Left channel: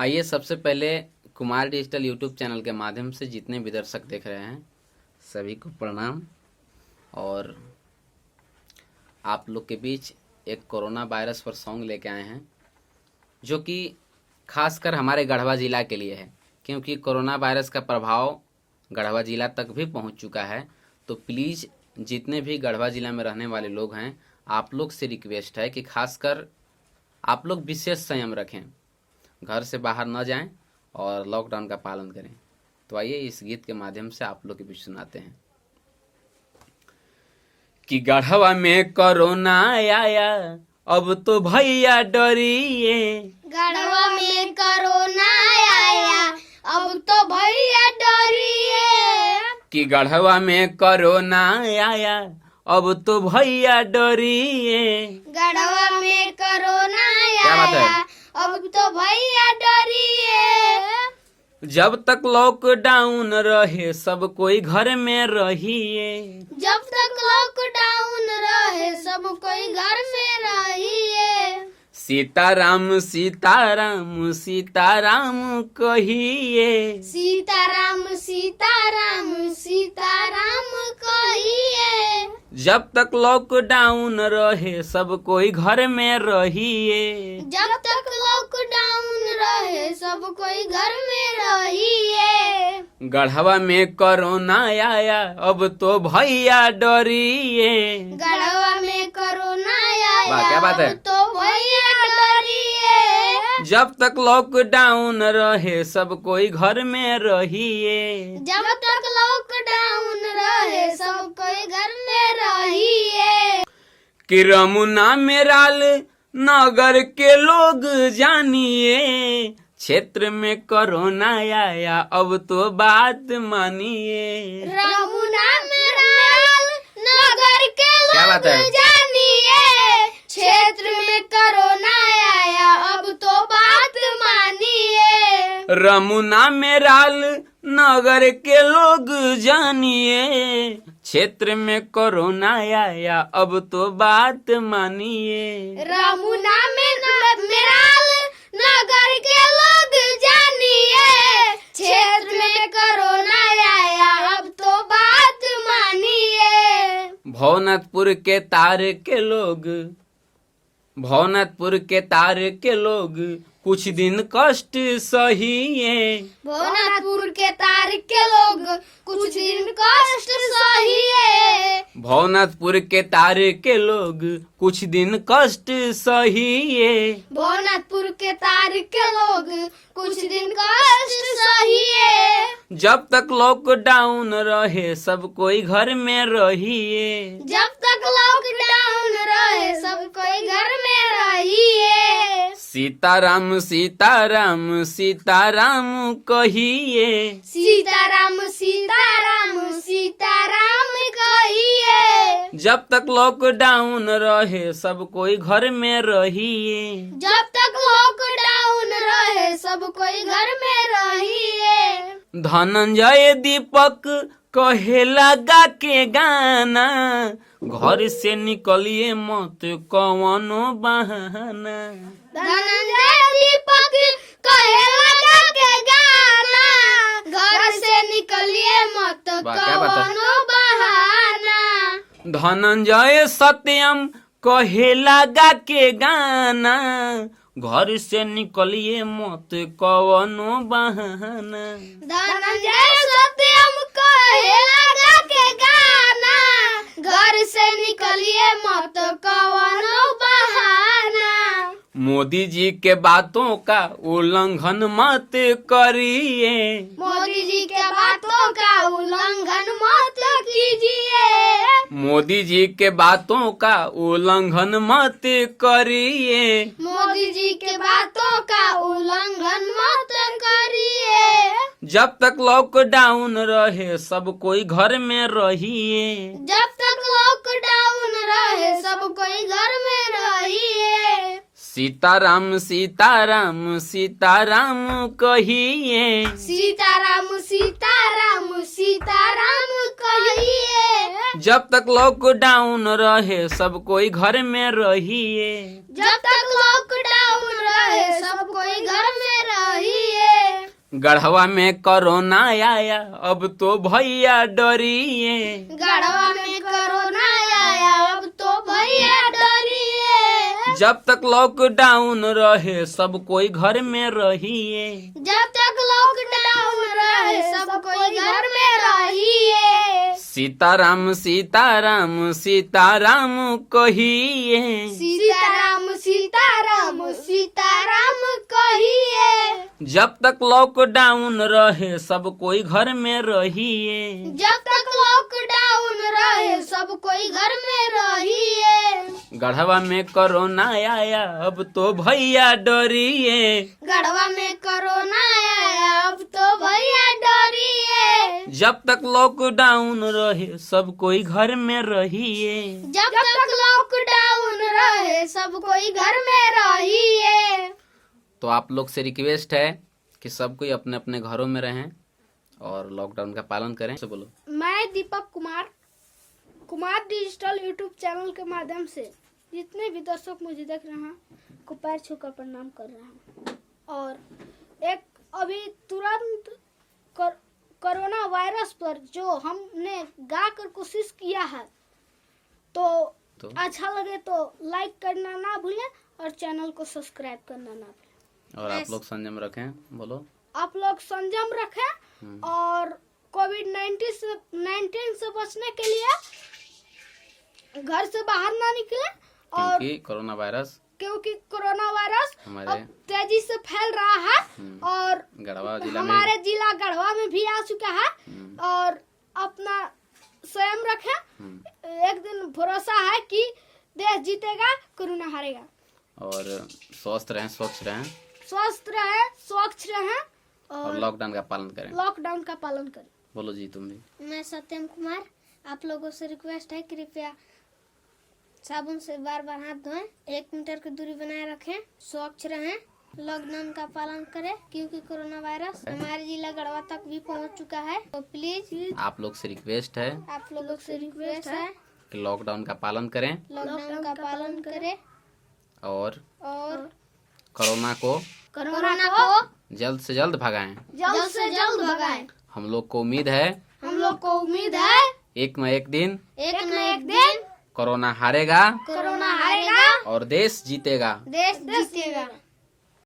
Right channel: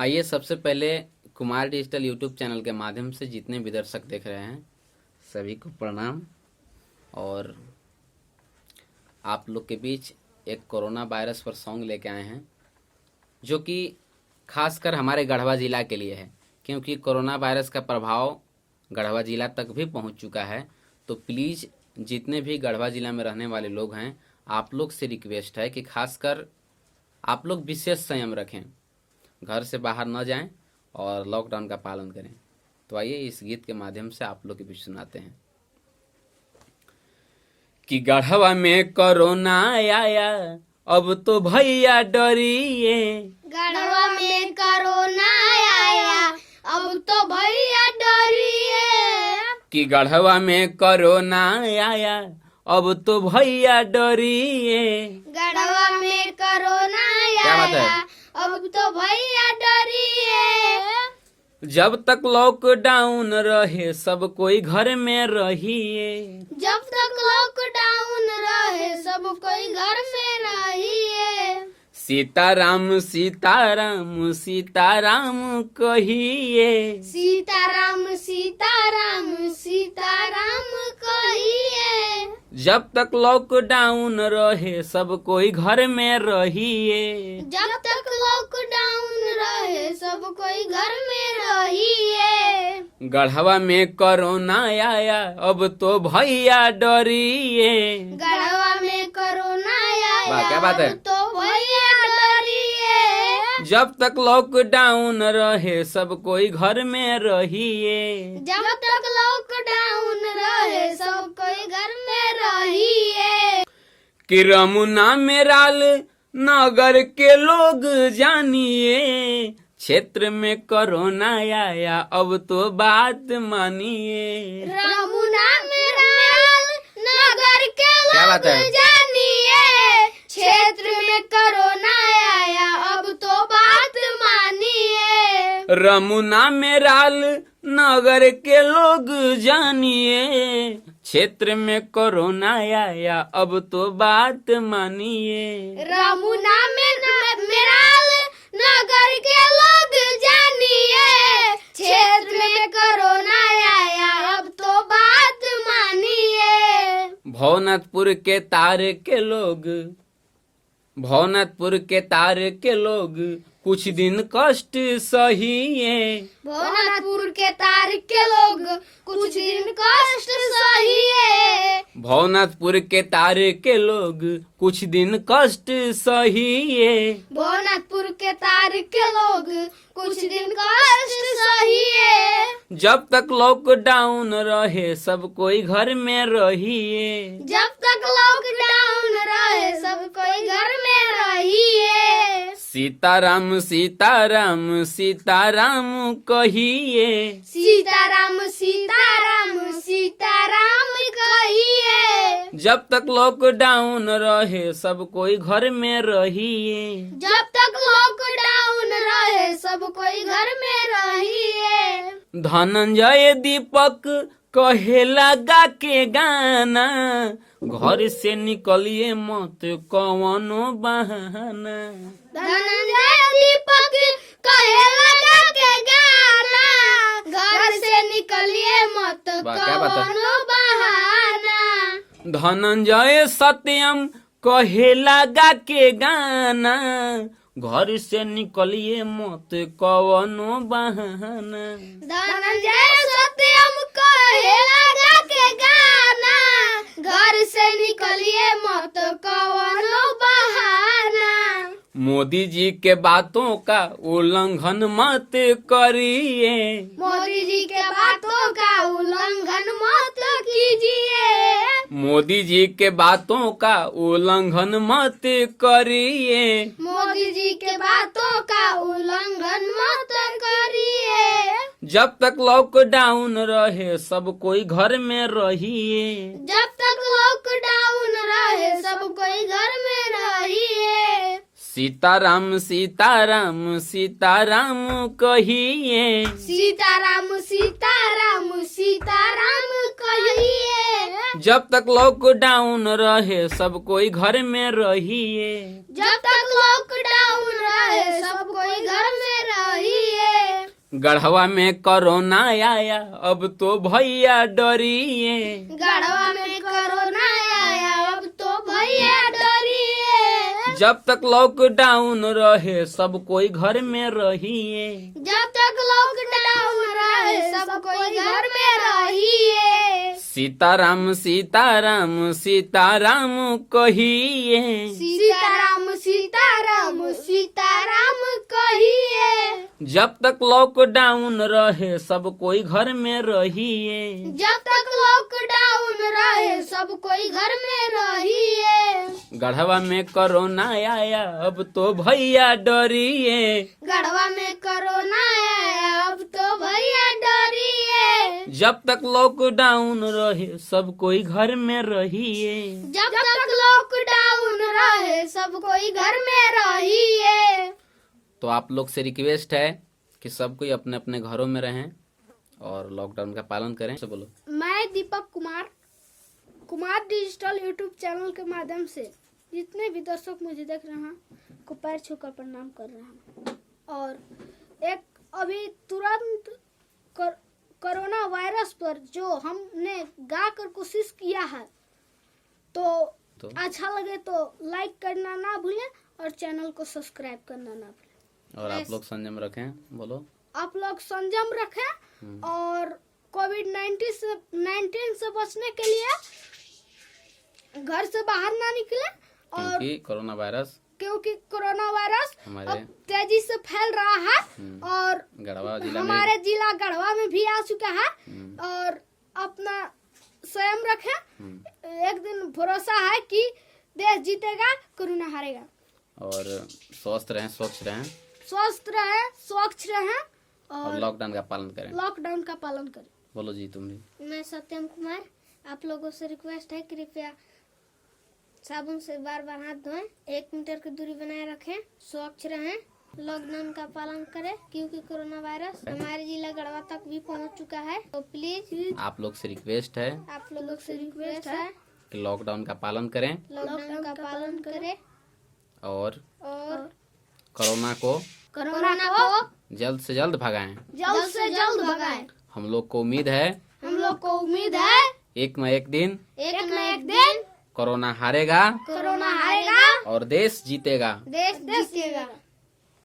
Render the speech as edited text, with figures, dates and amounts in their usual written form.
आइए सबसे पहले कुमार डिजिटल यूट्यूब चैनल के माध्यम से जितने भी दर्शक देख रहे हैं सभी को प्रणाम। और आप लोग के बीच एक कोरोना वायरस पर सॉन्ग लेके आए हैं जो कि खासकर हमारे गढ़वा ज़िला के लिए है, क्योंकि कोरोना वायरस का प्रभाव गढ़वा ज़िला तक भी पहुंच चुका है। तो प्लीज़ जितने भी गढ़वा ज़िला में रहने वाले लोग हैं, आप लोग से रिक्वेस्ट है कि खासकर आप लोग विशेष संयम रखें, घर से बाहर न जाएं और लॉकडाउन का पालन करें। तो आइए इस गीत के माध्यम से आप लोग के बीच सुनाते हैं कि गढ़वा में कोरोना आया अब तो भैया डरिए, गढ़वा में कोरोना आया अब तो भैया डरिए, कि गढ़वा में कोरोना आया अब तो भैया डरिए। गढ़वा में कोरोना क्या बात है? आया अब तो भैया डरिए, जब तक लॉकडाउन रहे सब कोई घर में रहिए, जब तक लॉकडाउन रहे सब कोई घर में रहिए, सीताराम सीताराम सीताराम कहिए, सीताराम सीताराम सीताराम कहिए, जब तक लॉकडाउन रहे सब कोई घर में रहिए, जब तक लॉकडाउन रहे सब कोई घर में रहिए, गढ़वा में कोरोना आया अब तो भैया डरिए। गढ़वा में कोरोना आया वाह, क्या बात है? अब तो भैया डरिए, जब तक लॉकडाउन रहे सब कोई घर में रहिए, जब तक लॉकडाउन रहे सब कोई घर में रहिए, कि रमुना मेराल नगर के लोग जानिए, क्षेत्र में कोरोना आया अब तो बात मानिए। रमुना मेराल नगर के क्या बात है? लोग जानिए, क्षेत्र में कोरोना आया अब तो बात मानिए, रमुना मेराल नगर के लोग जानिए, क्षेत्र में कोरोना आया अब तो बात मानिए। रमुना मेराल नगर के लोग जानिए, क्षेत्र में कोरोना आया अब तो बात मानिए, भवनाथपुर के तार के लोग, भवनाथपुर के तार के लोग कुछ दिन कष्ट सहिए, भवनाथपुर के तार के लोग कुछ दिन कष्ट सहिए, भवनाथपुर के तार के लोग कुछ दिन कष्ट सहिए, भवनाथपुर के तार के लोग कुछ दिन कष्ट सहिए, जब तक लॉकडाउन रहे सब कोई घर में रहिए, जब तक लॉकडाउन रहे सब कोई घर में रहिए, सीताराम सीताराम सीताराम कहिए, सीताराम सीताराम सीताराम कहिए, जब तक लॉकडाउन रहे सब कोई घर में रहिए, जब तक लॉकडाउन रहे सब कोई घर में रहिए, धनंजय दीपक कहे लगा के गाना, घर से निकलिए मत कवनो बहाना। धनंजय दीपक कहे लगा के गाना, घर से निकलिए मत वाह, क्या बात है? कवनो बहाना, धनंजय सत्यम कहे लगा के गाना, घर से निकलिए मत कवनो बहाना। धनंजय सत्यम कहे लगा के गाना, घर से निकलिए मत कवनो बहाना, मोदी जी के बातों का उल्लंघन मत करिए, मोदी जी के बातों का उल्लंघन मत कीजिए, मोदी जी के बातों का उल्लंघन मत करिए, मोदी जी के बातों का उल्लंघन मत करिए, जब तक लॉकडाउन रहे सब कोई घर में रहिए, जब तक लॉकडाउन रहे सब कोई घर में रहिए, सीताराम सीताराम सीताराम कहिए, सीताराम सीताराम सीताराम कहिए। जब तक लॉकडाउन रहे सब कोई घर में रहिए, जब तक लॉकडाउन रहे सब कोई घर में रहिए। गढ़वा में कोरोना आया अब तो भैया डरिए, गढ़वा में कोरोना आया अब तो भैया डरिए। जब तक लॉकडाउन रहे सब कोई घर में रहिए, जब तक लॉकडाउन रहे सब कोई घर में रहिए। सीताराम सीताराम सीताराम कहिए, सीताराम सीताराम सीताराम कहिए। जब तक लॉकडाउन रहे सब कोई घर में रहिए, जब तक लॉकडाउन रहे सब कोई घर में रहिए। गढ़वा में कोरोना आया अब तो भैया डरिए, गढ़वा में कोरोना आया अब तो भैया डरिए। जब तक लॉकडाउन रहे सब कोई घर में रहिए। जब तक लॉकडाउन रहे सब कोई घर में रहिए। तो आप लोग से रिक्वेस्ट है कि सब कोई अपने अपने घरों में रहें और लॉकडाउन का पालन करें। से बोलो। मैं Deepak Kumar digital YouTube channel के माध्यम से जितने भी दर्शक मुझे देख रहे हैं को पैर छूकर प्रणाम कर रहा हूँ। और एक अभी तुरंत कोरोना वायरस पर जो हमने गा कर कोशिश किया है तो अच्छा लगे तो लाइक करना ना भूलें और चैनल को सब्सक्राइब करना ना भूलें। और आप लोग संयम रखें। बोलो। आप लोग संयम रखें और कोविड-19 से बचने के लिए घर से बाहर ना निकले। और क्योंकि कोरोना वायरस हमारे तेजी से फैल रहा है और गढ़वा जिला में हमारे जिला गढ़वा में भी आ चुका है। और अपना स्वयं रखें। एक दिन भरोसा है कि देश जीतेगा, कोरोना हारेगा। और स्वस्थ रहें, स्वच्छ रहें, स्वच्छ रहें और लॉकडाउन का पालन करें। बोलो जी तुम भी। मैं सत्यम कुमार, आप लोगों से रिक्वेस्ट है कृपया साबुन से बार बार हाथ धोएं, 1 मीटर की दूरी बनाए रखें, स्वच्छ रहें, लॉकडाउन का पालन करें क्योंकि कोरोना वायरस हमारे जिला गढ़वा तक भी पहुंच चुका है। तो प्लीज आप लोग से रिक्वेस्ट है कि लॉकडाउन का पालन करें और कोरोना को जल्द से जल्द भगाएं। हम लोग को उम्मीद है एक न एक दिन कोरोना हारेगा कोरोना हारेगा और देश जीतेगा। देश जीतेगा।